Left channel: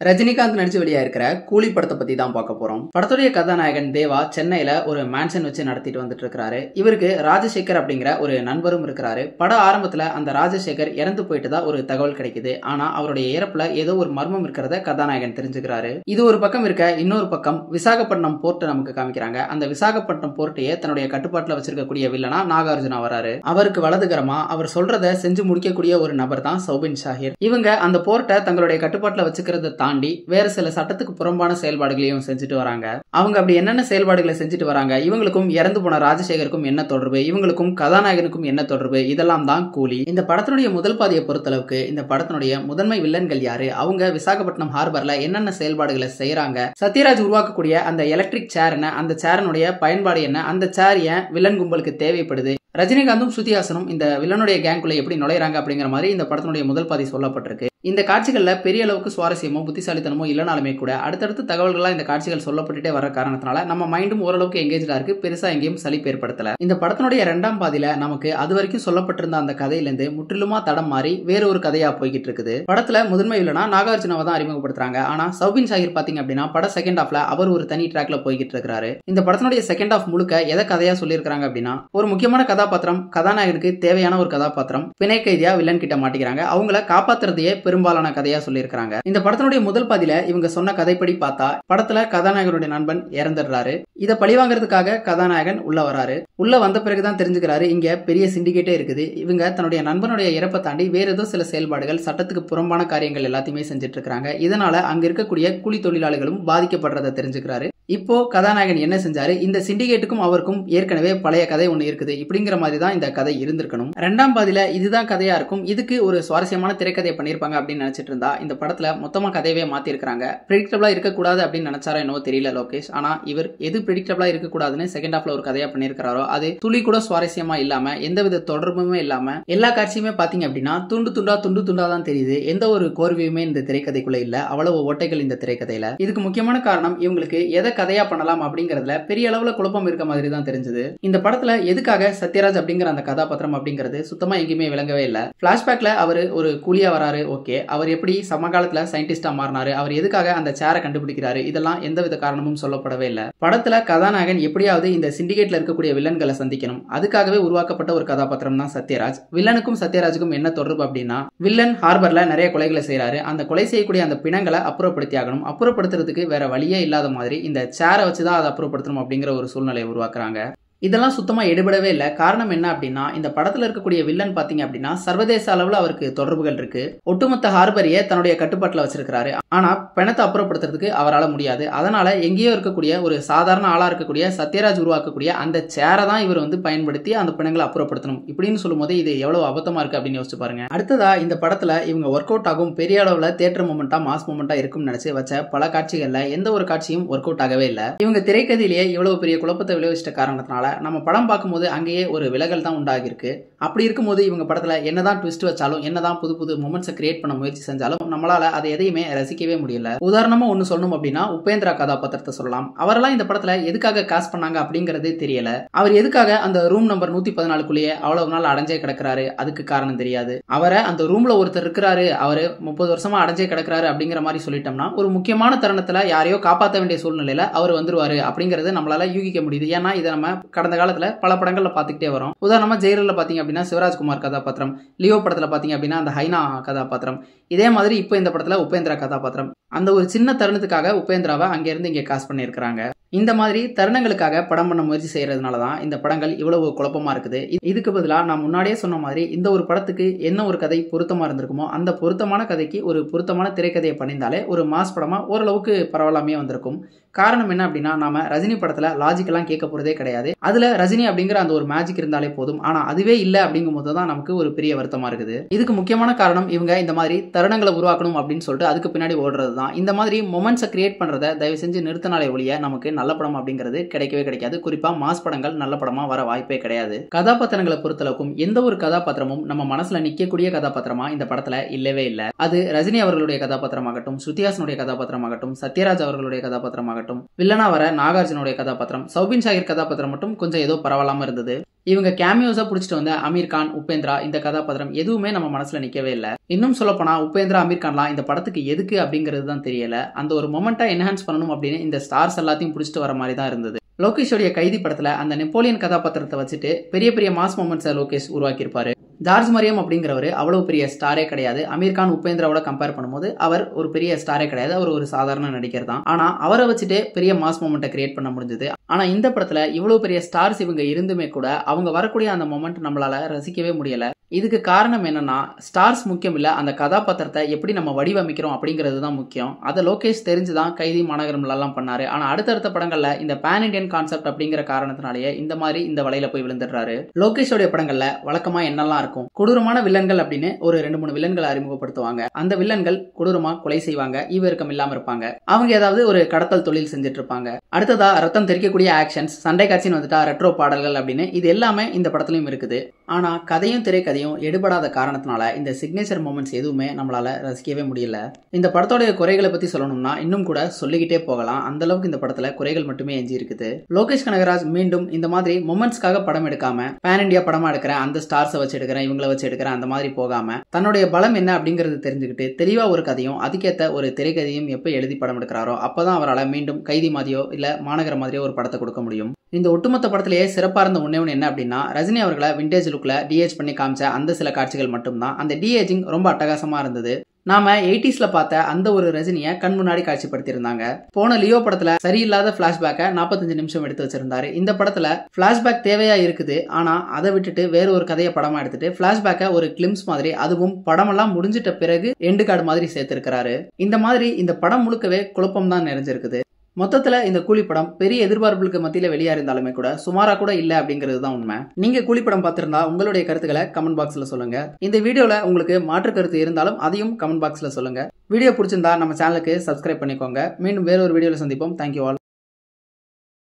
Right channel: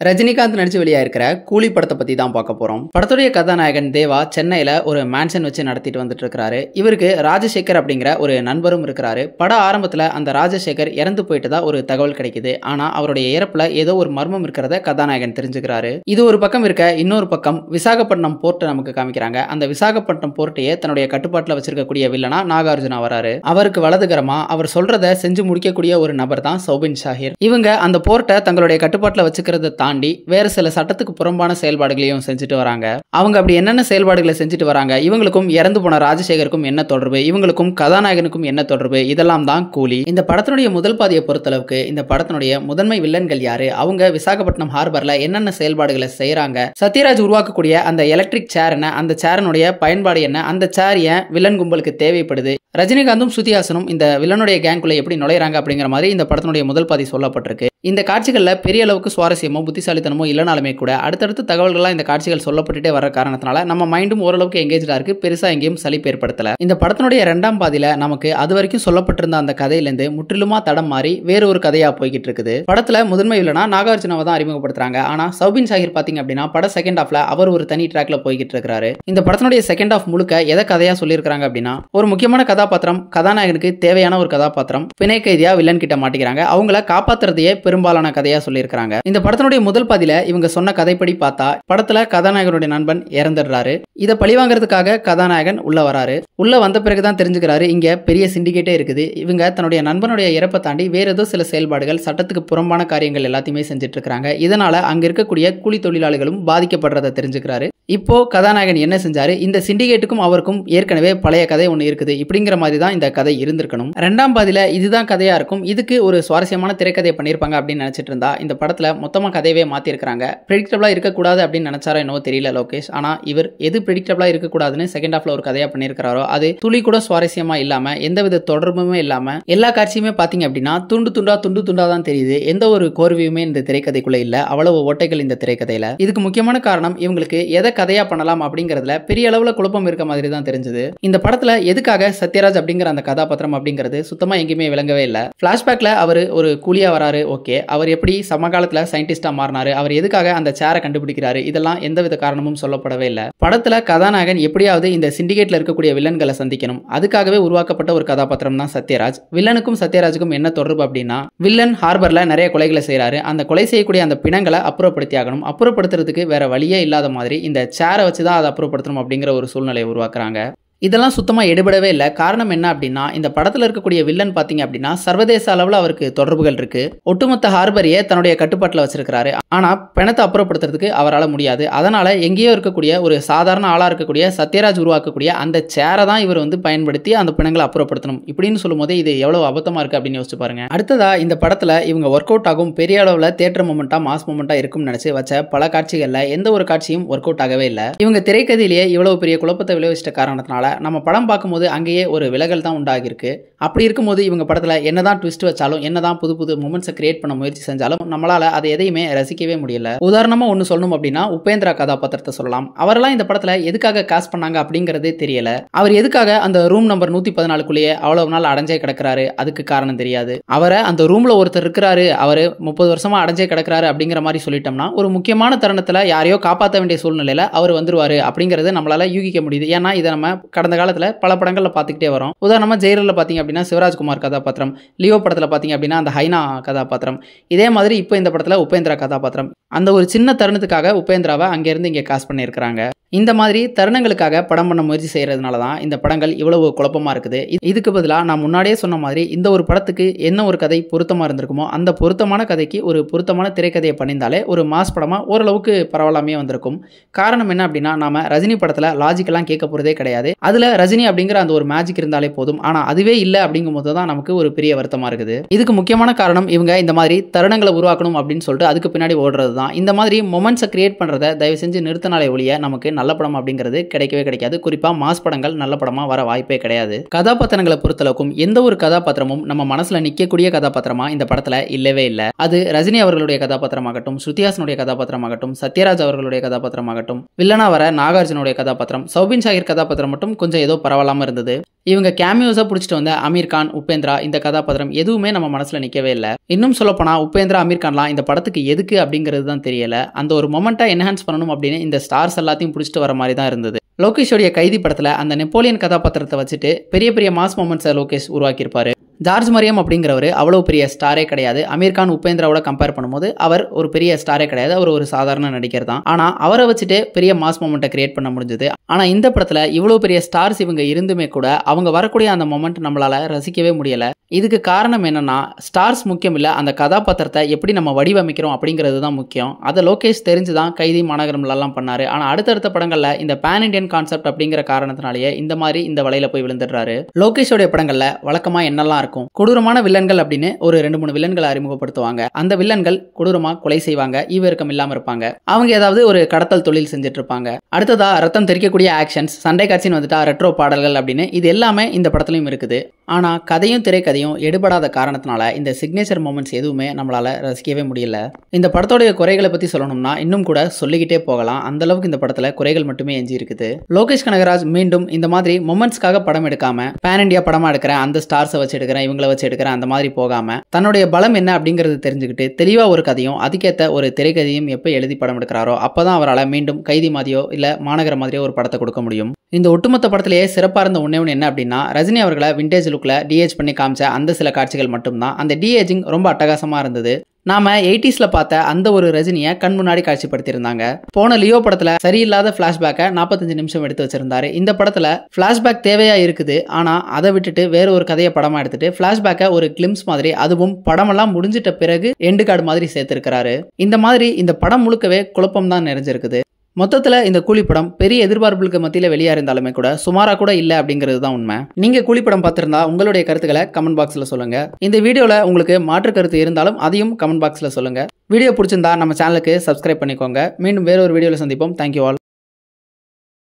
ரஜினிகாந்த் நடிச்சு வெளியாயிருக்கிற கூலி படத்தை பத்தி தான் பார்க்க போறோம். படத்துடைய கதாநாயகன் தேவா சென்னையில ஒரு மேன்ஷன் வச்சு நடத்திட்டு வந்துட்டு இருக்காரு. இவருக்கு ராஜசேகர் அப்படிங்கிற ஒரு நண்பரும் இருக்கிறாரு. பட ஆரம்பத்துல அந்த ராஜசேகர் இறந்து போயிட்டதா ஒரு தகவல் கிடைக்குது. ஆனா அவருடைய இறப்புல ஏதோ ஒரு மர்மம் இருக்கிறத கதாநாயகன் தெரிஞ்சுக்கிறாரு. இது ஒரு பக்கம் இருக்க, இன்னொரு பக்கம் விசாகப்பட்டினம் போர்ட் நமக்கு காமிக்கிறாங்க. அந்த விசாகப்பட்டினம் போர்ட்டையே தன்னுடைய கட்டுப்பாட்டுல வச்சிருக்கக்கூடிய வில்லனா நாகார்ஜுனா வராரு. அவருக்கு வலதுகரமா அவர் சொல்றத செஞ்சு முடிக்கக்கூடிய ஒரு நபர் தான் சௌபின் ஷாஹிர். இவங்க அந்த போர்ட்டை தங்களுடைய கட்டுப்பாட்டுல வச்சுக்கிறத தாண்டி வேற சில சட்டத்துக்கு புறம்பான செயல்பாடுகளையும் செஞ்சுட்டு வராங்க. அவங்க அப்படி என்னென்ன செயல்பாடுகளை செஞ்சுட்டு வராங்க, இவங்களுக்கும் இறந்து போன ராஜசேகருக்கும் என்ன தொடர்பு, இவங்களுக்கும் கதாநாயகனுக்கும் என்ன தொடர்பு, இதெல்லாம் தான் கூலி. இந்த படத்தினுடைய முதல் பாதியை பொறுத்தளவுக்கு இந்த படத்தினுடைய முதன்மை வில்லன்கள் யாரு, அவங்க விசாகப்பட்டினம் ஹார்பர்ல என்னென்ன செயல்பாடுகளை செய்யறாங்க, சத்யராஜ் உருவாக்கக்கூடிய அந்த எலக்ட்ரிக் சேர் என்ன, அந்த சேரனுடைய பயன்பாடு என்ன, அந்த சேர் ஏன் வில்லன் கும்பலுக்கு தேவைப்படுது, ரஜினிகாந்தும் ஸ்ருதிஹாசனும் இந்த வில்லனுடைய கேங்குள்ள எப்படி நுழைறாங்க அப்படிங்கிற மாதிரி இந்த படத்தினுடைய முதல் பாதி சொல்லப்பட்டிருக்கு. இந்த காட்சிகள்ல பெரிய அளவுக்கு சுவாரஸ்யமோ புத்திசாலித்தனமோ இல்லைனாலுமே கூட அடுத்தடுத்த தகவல்கள்லாம் இந்த காட்சிகள் சொல்லப்பட்டுட்டே வர காரணத்தினால நம்ம மைண்டும் ஓரளவுக்கு எங்கேஜா இருக்கு. பெருசா எங்கேயும் சலிப்பு ஏற்படுத்தல. இந்த படத்தினுடைய இரண்டாம் பாதியில நமக்கு அது வரைக்கும் சொல்லப்பட்டிருந்த அந்த கதையிலிருந்து முற்றிலுமா தடம் மாறி வேற ஒரு கதையா போய்கிட்டு இருக்குது. படத்துல முதன்மை வில்லனா நாகார்ஜுனாவை தான் அறிமுகப்படுத்துறாங்க. ஆனா சௌபின் ஷாஹிர் பாத்தீங்க அப்படின்னா பட செகண்ட் ஹாஃப்ல அவர் ஒரு தனி ட்ராக்ல போய்கிட்டு இருக்காரு. இந்த படத்தினுடைய செகண்ட் ஹாஃப் முழுக்க எதை கதையா சொல்லியிருக்காங்க அப்படின்னா, ஒரு முக்கியமான கதாபாத்திரம், கதாநாயகனுக்கு தேவையான ஒரு கதாபாத்திரம் பிணை கைதியா வில்லன் கிட்ட மாட்டிக்கிறாங்க. அவங்கள காப்பாத்துறதையே பெரும்பாலான கதையா சொல்லியிருக்காங்க. இந்த படத்தினுடைய முதல் பாதியில இவங்க சொன்ன கதைப்படி பார்த்தா படத்துல கதாநாயகனுடைய நண்பன் இறந்துடுறாரு. இதை பழிவாங்கிறதுக்காக கதாநாயகன் உள்ள வராரு. உள்ள வந்த பிறகுதான் தெரிஞ்சுக்கிறாரு இங்க பெரிய சிண்டிகேட்டே இருக்குது. இவங்க தன்னுடைய நண்பனுடைய இறப்பை தாண்டி வேற ஏதோ சில செயல்பாடுகள், சட்டத்துக்கு புறம்பான காரியங்கள் எல்லாத்தையுமே செஞ்சுட்டு இருக்காங்க. இதனால அங்க இருக்கக்கூடிய கூலி தொழிலாளிகளும் பாதிக்கப்படுறதை தெரிஞ்சுக்கிறாரு. இப்போ கதாநாயகன் என்ன செஞ்சாரு, இந்த சிண்டிகேட்டுக்கும் அவருக்கும் ஏற்கனவே பழைய கதை ஒண்ணு இருக்குது. இப்படிங்கிற மாதிரி தான் இந்த கதை இருந்திருக்கணும். இரண்டாம் பாதியில இதுதான் கதையா இருக்கும். இதுக்கு ஒரு சுவாரஸ்யமான திரைக்கதையை பண்ணிருப்பாங்க அப்படின்னு நினைச்சிட்டு இருந்தா இந்த படத்துல மொத்தமா கதையவே மாத்தி இருக்காங்க. பிரெடிக்டபிளா இருக்கக்கூடாது அப்படின்னு நினைச்சாரோ என்னவோ தெரியல லோகேஷ். ஆனா இவர் எது பிரெடிக்டபிளா இருக்கக்கூடாதுன்னு செகண்ட் ஹாஃப்ல ஒரு கதையா பண்ணிருக்காரோ அது துளி கூட சுவாரஸ்யமா இல்லாம, எந்தவித தொடர்புமே இல்லாம, எல்லா காட்சியுமே பாத்தீங்க அப்படின்னா துண்டு துண்டா தான் தெரியுது. எந்த ஒரு கோர்வையுமே இந்த திரைக்கதைக்குள்ள இல்ல. அவ்வளவு ஓட்டைகள் இந்த திரைக்கதையில. இதுக்கு முக்கியமான காரணம் இவங்களுக்கு எதை கதையா பண்ணலாம் அப்படிங்கறதுல பெரிய அளவுல குழப்பம் இருக்க மாதிரி தான் தெரிஞ்சது. இந்த படத்துல எதுக்காக சத்யராஜ் அப்படிங்கிற அந்த கதாபாத்திரம் அப்படிங்கிறது சுத்தமா எங்கேயுமே விளங்கவே இல்ல. பிளாஷ்பேக்ல அவர் ஒரு கூலியா வராரு, ஓகே. அவர் எப்படி சமகாலத்துல சயின்டிஸ்டா மாறினாரு, அவர் எதுக்காக அந்த சேரை கண்டுபிடிக்கிறாரு, இதெல்லாம் எந்தவித காரணமும் சொல்லப்படவே இல்ல. படத்துல கதாநாயகன் எப்படியாவது இந்த சிண்டிகேட்ல இருக்கக்கூடிய வில்லன்களை சந்திக்கணும், அதுக்காகவே உருவாக்கப்பட்ட ஒரு கதாபாத்திரம் தான் சத்யராஜ். வில்லனுக்கும் சத்யராஜுக்கும் என்ன தொடர்பு அப்படின்னா, வில்லன் ஹார்பர்ல நிறைய கொலைகளை செய்யறாரு. அந்த கொலை செய்யக்கூடிய அந்த பிணங்களை அப்புறப்படுத்தி ஆகணும். அப்புறப்படுத்துறதுக்கு வேற வழியே இல்லாத மாதிரி இந்த சேரை வச்சுதான் அதை அப்புறப்படுத்தணும் அப்படிங்கிற ஒரு சூழ்நிலையை உருவாக்குறாங்க. இதெல்லாம் சுத்தமா எடுபடவே இல்லை. காரணம் என்ன அப்படின்னா, இந்த படத்துல இருக்கக்கூடிய வில்லன் பாத்தீங்க அப்படின்னா சர்வதேச அளவுல அவருக்கு தொடர்புகள் இருக்கு. ஒட்டுமொத்த ஹார்பரையே தன்னுடைய கட்டுப்பாட்டுல வச்சிருக்காரு. ஆனா பணத்தை அப்புறப்படுத்துறதுக்கு அவரால் முடியாது. அதனால எங்கேயோ இருக்கக்கூடிய ஒரு சாதாரண ஆளா இருக்கக்கூடிய சத்யராஜ் உருவாக்கக்கூடிய அந்த சேரை தான் இவர் பயன்படுத்தி அந்த பிணங்களை அப்புறப்படுத்தணும். இப்படின்னு சொல்லும் போது இது எவ்வளவு அபத்தமா இருக்கு அப்படின்னு யோசிச்சு பாருங்க. அடுத்ததா இந்த படத்துல இவங்க ஒர்க் அவுட் ஆகும், பெரிய அளவுல தியேட்டர் மூமெண்டா, மாஸ் மூமெண்டா இருக்கும்னு நினைச்சு வச்ச பல காட்சிகள்ல எந்த ஒரு காட்சியும் ஒர்க் அவுட் ஆகவே இல்லை. இவங்க திரைக்கதையிலேயே இவ்வளவு பெரிய குழப்பத்தை விளைவிச்சிட்ட காரணத்தினால நம்ம படம் பார்க்கும்போது அங்கேயே ஒரு விலகல் தான் உண்டாகிருக்கு. அப்படி இருக்கும்போது இவங்க படத்துல என்னதான் ட்விஸ்ட் வச்சாலும், என்னதான் புது புது மூமெண்ட்ஸை கிரியேட் பண்ண முயற்சி செஞ்சாலும் நம்மளால அதை எதையுமே ரசிக்கவே முடியல. உதாரணமா ஒன்னு சொல்லணும் அப்படின்னா உபேந்திரா கதாபாத்திரத்தை சொல்லலாம். அவரெல்லாம் இந்த படத்துல எதுக்காக காஸ்ட் பண்ணாங்க அப்படிங்கறதே தெரியல. அவர் எதுக்காக அந்த ரூம் நம்பர் 114க்குள்ளேயே அவ்வளவு நாள் அடைஞ்சே கிடக்கிறாரு, அதுக்கு காரணம் தெரியாது. அவரை அந்த ரூம்ல ஒருத்தர் இருக்கிறாரு, அவரு 30 வருஷமா அடைஞ்சே கிடக்கிறாரு அப்படிங்கிற மாதிரி சொல்லிட்டோம்னா ஒரு முக்கியமான தருணத்துல யாரையோ காப்பாற்ற வேண்டிய சூழ்நிலையில அவர் வந்துருவாரு அப்படிங்கறது நம்மளால யூகிக்க முடியுது. ஏன்னா இதை நம்ம கடந்த காலத்துல பல படங்கள்ல பாத்துக்கிட்டே வரோம். உதாரணமா ஜெயிலர்ல பாத்தீங்க அப்படின்னா சிவராஜ்குமார் கதாபாத்திரம், லியோ படத்துல பாத்தீங்க அப்படின்னா அந்த ஹைனா கதாபாத்திரம், இதே மாதிரி இப்போ இந்த படத்துல உபேந்திரா கதாபாத்திரம். அந்த ஒரு சின்ன தருணத்துக்காக உபேந்திராவை அங்க இருந்து இங்க காஸ்ட் பண்ணியிருக்காங்க. இந்த மாதிரி தருணங்களுக்காக படம் பண்ண முயற்சி செய்யறதுனால தான் இந்த படங்கள் இவ்வளவு குழப்பமா இருக்குது. இதுக்கு பதிலாக நான் முன்னாடியே சொன்ன மாதிரி இந்த ஒரு படத்துக்கு என்ன ஒரு கதை பொருத்தமா இருந்திருக்குமோ அந்த பொருத்தமான கதைக்கு ஒரு பொருத்தமான திரைக்கதையை பண்ணியிருந்தாலே ஒரு மாஸ் படமா ஓரளவுக்கு பரவாயில்லாமே வந்திருக்கும். காரணம் என்ன அப்படின்னா, நாம ரஜினி படத்துல லாஜிக்கெல்லாம் கேட்க போறதே கிடையாது. அதுல ரஜினி அப்படிங்கிற அந்த ஒரு மேஜிக் இருந்தாலே போதும். ஆனா அதுவே இல்லை அப்படிங்கும் போது தான் நமக்கு ஒரு பெரிய வருத்தமா இருக்குது. இதுக்கு முக்கியமான காரணம் இவங்க இந்த மாதிரி தருணங்களை உருவாக்கணும் அப்படின்னு சொல்லிட்டு அதுக்கு பின்னாடி ஓடுறது தான். இந்த மாதிரி மொமெண்ட்ஸை கிரியேட் பண்றதை தயவு செஞ்சு நிறுத்தினாலே ஒழிய நமக்கு நல்ல படம் அப்படிங்கிறது கிடைக்கவே கிடைக்காது. குறிப்பா மாஸ் படங்கள் நல்ல படமா வர வாய்ப்பே கிடையாது. கதாபாத்திரங்களை பொறுத்தளவுக்கும் எந்த ஒரு கதாபாத்திரமும் நம்ம மனசுல நிக்கக்கூடிய கதாபாத்திரமா இந்த படத்துல இல்லவே இல்லை. அது ரஜினி அவர்களுடைய கதாபாத்திரமாகட்டும், ஸ்ருதிஹாசனுடைய கதாபாத்திரமாகட்டும், சத்யராஜ் அவர்களுடைய கதாபாத்திரமாகட்டும், வில்லனா வர நாகார்ஜுனுடைய கதாபாத்திரம், சௌபின் ஷாஹிர் கதாபாத்திரம் மட்டும் கொஞ்சம் ஏதோ பரவாயில்லாம இருந்தது. இவங்க கேமியோஸா புடிச்சிட்டு வந்த அமீர் கான், உபேந்திரா இந்த கதாபாத்திரம் எதுவுமே நம்ம மனசுல நிக்கவே இல்ல. இன்னும் சொல்லப்போனா உபேந்திரா, அமீர் கான்லாம் இந்த படத்துக்கு எதுக்கு அப்படிங்கிறது தான் தெரியல. அந்த ஒரு மொமெண்ட்டை என்ஹான்ஸ் பண்ணணும் அப்படின்னு இந்த ஸ்டார்ஸ் எல்லாத்தையும் புடிச்சிட்டு வர மாதிரி தான் இருந்தது. லோகேஷோடைய கைதி படத்துல அந்த நெப்போலியன் கதாபாத்திரத்தை வச்சுட்டு பெரிய பெரிய மாஸ் மொமெண்ட்ஸை லோகேஷ் உருவாக்கியிருப்பாரு. ஜார்ஜ் மரியம் அப்படிங்கிறவர் அவ்வளவு பெரிய ஸ்டாரே கிடையாது. அமீர் கான், உபேந்திராவோட கம்பேர் பண்ணும்போது அவர் ஒரு பெரிய ஸ்டாரே கிடையாது. அவர் ஒரு சாதாரண நடிகர் தான். ஆனா அவரை வச்சுட்டு பெரிய மாஸ் மொமெண்ட்டை கிரியேட் பண்ண முடிஞ்சது. ஆனா இந்த படத்துல இவ்வளவு பெரிய ஸ்டார்ஸ் இவங்க இருந்துமே கூட அவங்க வரக்கூடிய அந்த மொமெண்ட் நம்மளால ரசிக்கவே முடியல. இதுக்கு காரணம் என்னன்னா, ஸ்டார்ஸ் முக்கியம் இல்ல, அந்த கதாபாத்திரத்தை எப்படி நம்ம வடிவமைக்கிறோம் அப்படிங்கிறது தான் முக்கியம். அதை லோகேஷ் தெரிஞ்சுதான் கைதி, மாநகரம்லாம் பண்ணாரு. ஆனா அடுத்தடுத்த படங்கள்ல இந்த பேன் இண்டியன் கான்செப்ட் அப்படிங்கிற காரணத்தினாலேயே இந்த மாதிரி இந்த வலையில போய் விழுந்துடுறாரு. லோகேஷோடைய படங்கள்ல வழக்கமா என்னெல்லாம் இருக்கும், கொடூரமான வில்லன்கள் அப்படின்னு ஒரு 2-3 வில்லன்களை அறிமுகப்படுத்துவாங்க. அந்த வில்லன்கள் கொடூரமா கொலை செய்வாங்க, ஈவிரக்கம் இல்லாம இருப்பாங்க. அவங்க ஏதாவது ஒரு கடத்தல் தொழில் செஞ்சுட்டு இருப்பாங்க. அடுத்ததா ரத்தம் தெரிக்கக்கூடிய ஆக்ஷன்ஸ், சண்டை காட்சின்னு வந்துட்டா ரெட்ரோ பாடல்கள் அப்படின்னு இது எல்லாமே இந்த படத்துலயும் இருக்குது. ஆனா கதையும் திரைக்கதையும் எடுபடாத காரணத்தினால இந்த சிக்னேச்சர் மொமெண்ட்ஸ் எதுவுமே நம்மளால ரசிக்கவே முடியல. இந்த படத்தோடைய குறைகளை பத்தி சொல்லணும்னா இன்னும் கூட சொல்லிக்கிட்டே போகலாம். அந்த அளவுக்கு இந்த படத்துல குறைகள் மட்டுமே எஞ்சி இருக்குது. லோகேஷ் கனகராஜ் மீண்டும் இந்த மாதிரி மொமெண்ட்ஸ்க்காக படம் எடுக்காம பேன் இண்டியா படமா எடுக்கிறேன், அந்த ஸ்டார்ஸை வச்சு எடுக்கிறேன், இவங்களை வச்சு எடுக்கிறேன், அந்த மாதிரி போகாம தன்னுடைய பலம் என்ன அப்படிங்கிறது தெரிஞ்சுக்கிட்டு தெளிவா ஒரு கதையும் அதுக்கேற்ற ஒரு திரைக்கதையும் எப்ப எழுதி படம் எடுக்கிறாரோ அப்பதான் அவரால் மீண்டும் கைதி மாதிரியோ இல்ல மாநகர மாதிரியோ ஒரு படத்தை கொடுக்க முடியும். இந்த ஒட்டுமொத்த படத்திலேயே சிறப்பா இருந்த ஒண்ணே என்ன அப்படின்னா, ரஜினி அவர்களை விண்டேஜ் லுக்ல டிஏஜ் பண்ணி காமிச்ச அந்த சில காட்சிகள் மட்டும்தான். அந்த டிஏஜிங் ரொம்ப அட்டகாசமா இருந்தது. நாம 80ஸ்ல பார்த்த அந்த ஒரு ரஜினியை கண் முன்னாடி காட்சிப்படுத்தியிருந்தாங்க. போன லியோ படத்துல சரியில்லாத பிளாஷ்பேக்கை 45 நிமிஷம் எடுத்து வச்சிருந்தாரு. இந்த படத்துல பிளாஷ்பேக் தேவையா இருக்குது, ஆனா அதை விட்டுட்டு வேற ஒரு கதையை படமா எடுத்துட்டு பிளாஷ்பேக்கை ஒரு கிளிம்ஸ் மாதிரி, அதுவும் படமெல்லாம் முடிஞ்சிட்ட பிறகு எண்டு கார்டு மாதிரி சேர்த்திருக்கிறாரு. இந்த மாதிரி இந்த படம் முழுக்கவே குழப்பம் தான் நிறைஞ்சிருக்குது. மொத்தத்துல இந்த கூலி படம் பெரிய எதிர்பார்ப்புகளுக்கு மத்தியில வெளியா இருந்தாலுமே கூட சுமாரா கூட இல்ல அப்படிங்கிறது தான் உண்மை. நீங்க கூலி படம் பார்த்திருந்தா உங்களுடைய கருத்துக்களை கமெண்ட் பாக்ஸ்ல சொல்லுங்க. இந்த வீடியோல உங்களுக்கு மாற்று கருத்து இருந்தாலும் அதையும் கமெண்ட் பாக்ஸ்ல சொல்லுங்க. வீடியோ பிடிச்சிருந்தா நம்ம சேனலுக்கு சப்ஸ்கிரைப் பண்ணிக்கோங்க. மீண்டும் வேற ஒரு வீடியோல சந்திப்போம். Thank you all.